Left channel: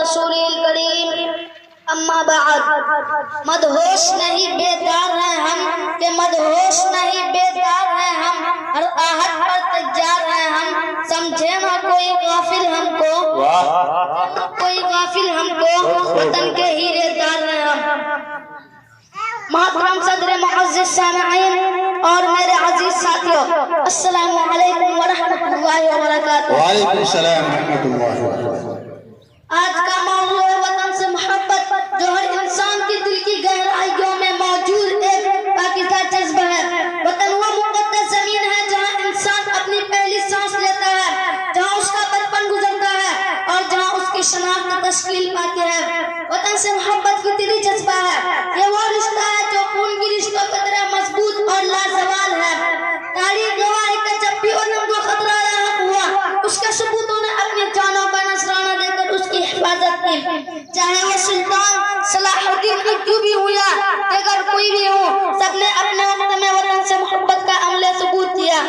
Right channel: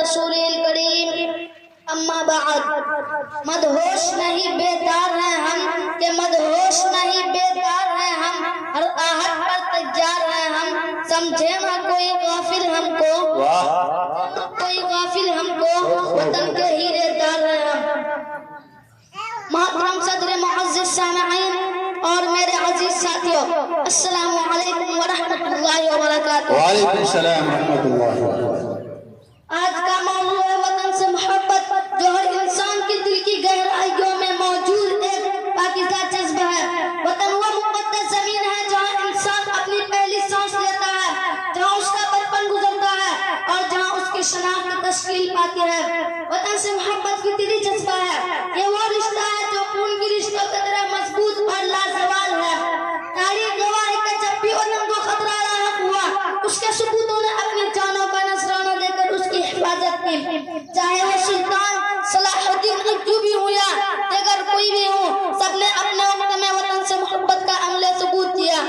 رسول الکریم اما بعد مدہوش نہیں بیدار ہیں ہم کہ مدہوش نہیں بیدار ہیں ہم ہر آہت پر تیار ہیں ہم سمجھے نہ کوئی غافل ہم کو وطن کے ہیرے دار ہیں ہم محترم صدر معزز سامعین اور میرے عزیز ساتھیوں السلام علیکم ورحمۃ اللہ وبرکاتہ۔ وعلیکم السلام ورحمۃ اللہ وبرکاتہ۔ آج کا موضوع ہے وطن سے محبت، جو ہر انسان کی دل کی گہرائیوں میں موجود ایک پاکیزہ جذبہ ہے۔ وطن وہ مقدس زمین ہے جہاں انسان اپنی پہلی سانس لیتا ہے، جہاں اس کا بچپن گزرتا ہے اور جہاں اس کی شناخت تشکیل پاتی ہے۔ وطن سے محبت کی دلی جذبہ ہے، یہ وہ رشتہ ہے جو خون کی رشتوں کی طرح مضبوط اور لازوال ہے۔ تاریخ گواہ ہے کہ جب بھی وطن کو خطرہ لاحق ہوا، اس کے ثبوتوں نے اپنی جانوں کا نذرانہ دے کر اس کی حفاظت کی، چاہے وہ سلطان صلاح الدین ایوبی ہو یا اگر کوئی بھی ہو، سب نے اپنے وقت میں وطن سے محبت کا عمل ثبوت دیا۔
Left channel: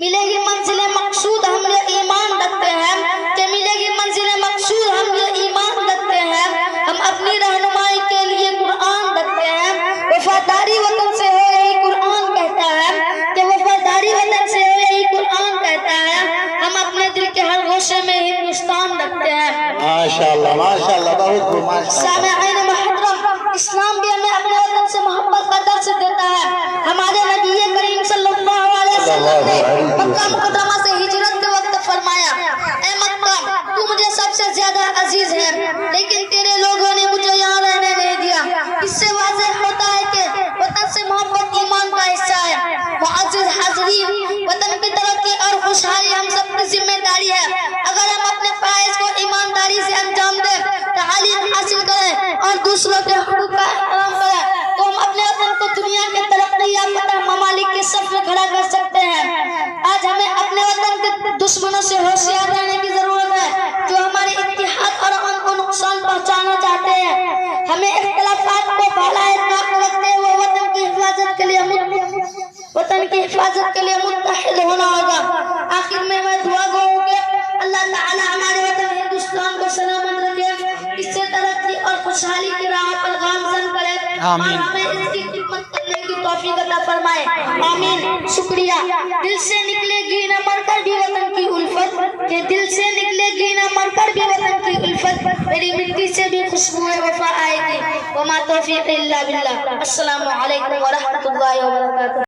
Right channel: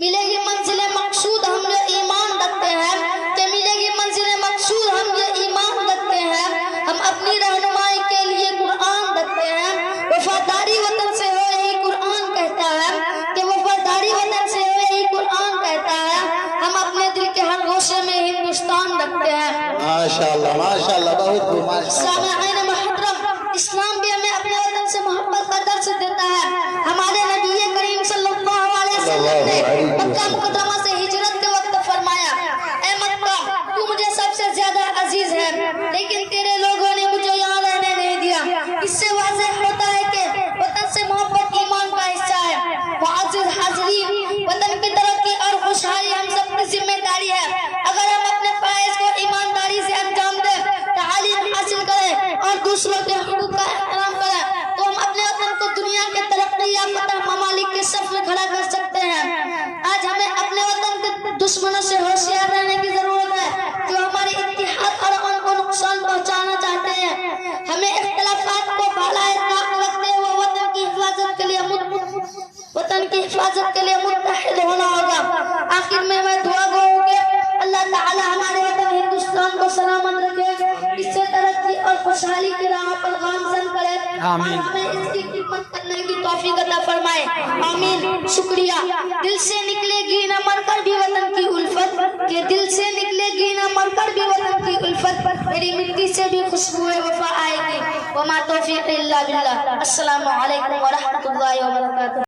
ملے گی منزل مقصود ہم یہ ایمان رکھتے ہیں کہ ملے گی منزل مقصود ہم یہ ایمان رکھتے ہیں، ہم اپنی رہنمائی کے لیے قرآن رکھتے ہیں۔ وفاداری وطن سے ہے یہی قرآن کہتا ہے کہ وفاداری وطن سے ہے یہی قرآن کہتا ہے، ہم اپنے دل کے ہر گوشے میں ہندوستان رکھتے ہیں۔ ماشاءاللہ ماشاءاللہ، بہت بہت سامعین محترم، اسلام بھی ہمیں اپنے وطن سے محبت کا درس دیتا ہے۔ ہمارے نبی کریم صلی اللہ علیہ وسلم نے مکہ مکرمہ سے ہجرت کے وقت فرمایا، اے مکہ تو مجھے سب سے زیادہ عزیز ہے، لیکن تیرے لوگوں نے مجھے یہاں رہنے نہیں دیا۔ اس سے واضح ہوتا ہے کہ وطن سے محبت ایمان کا حصہ ہے۔ معزز حاضرین، وطن کی ترقی اور خوشحالی ہم سب کی ذمہ داری ہے۔ اگر ہم اپنے فرائض کو ایمانداری سے انجام دیں، تعلیم حاصل کریں اور دوسروں کے حقوق کا احترام کریں، تو ہم اپنے وطن کو دنیا کے ترقی یافتہ ممالک کے صف میں کھڑا کر سکتے ہیں۔ آج ہمیں اپنے وطن کے دشمنوں سے ہوشیار رہنے کی ضرورت ہے جو ہمارے اتحاد اور ان کو نقصان پہنچانا چاہتے ہیں۔ ہمیں اختلافات کو بالائے طاق رکھتے ہوئے وطن کی حفاظت کے لیے متحد ہونا ہوگا۔ آخر میں دعا گو کہ اللہ تعالی ہمارے وطن ہندوستان کو سلامت رکھے، اس سے ترقی اور خوشحالی کی راہ پر گامزن کرے، آمین۔ ہمیں اس کی خدمت کرنے کی توفیق عطا فرمائے، آمین۔ شکریہ۔ دل سے نکلے گی نہ مر کر بھی وطن کی الفت، کہ دل سے نکلے گی نہ مر کر بھی وطن کی الفت، میری مٹی سے بھی خوشبو وفا آئے گی، وما توفیق الا باللہ۔ السلام علیکم ورحمۃ اللہ وبرکاتہ۔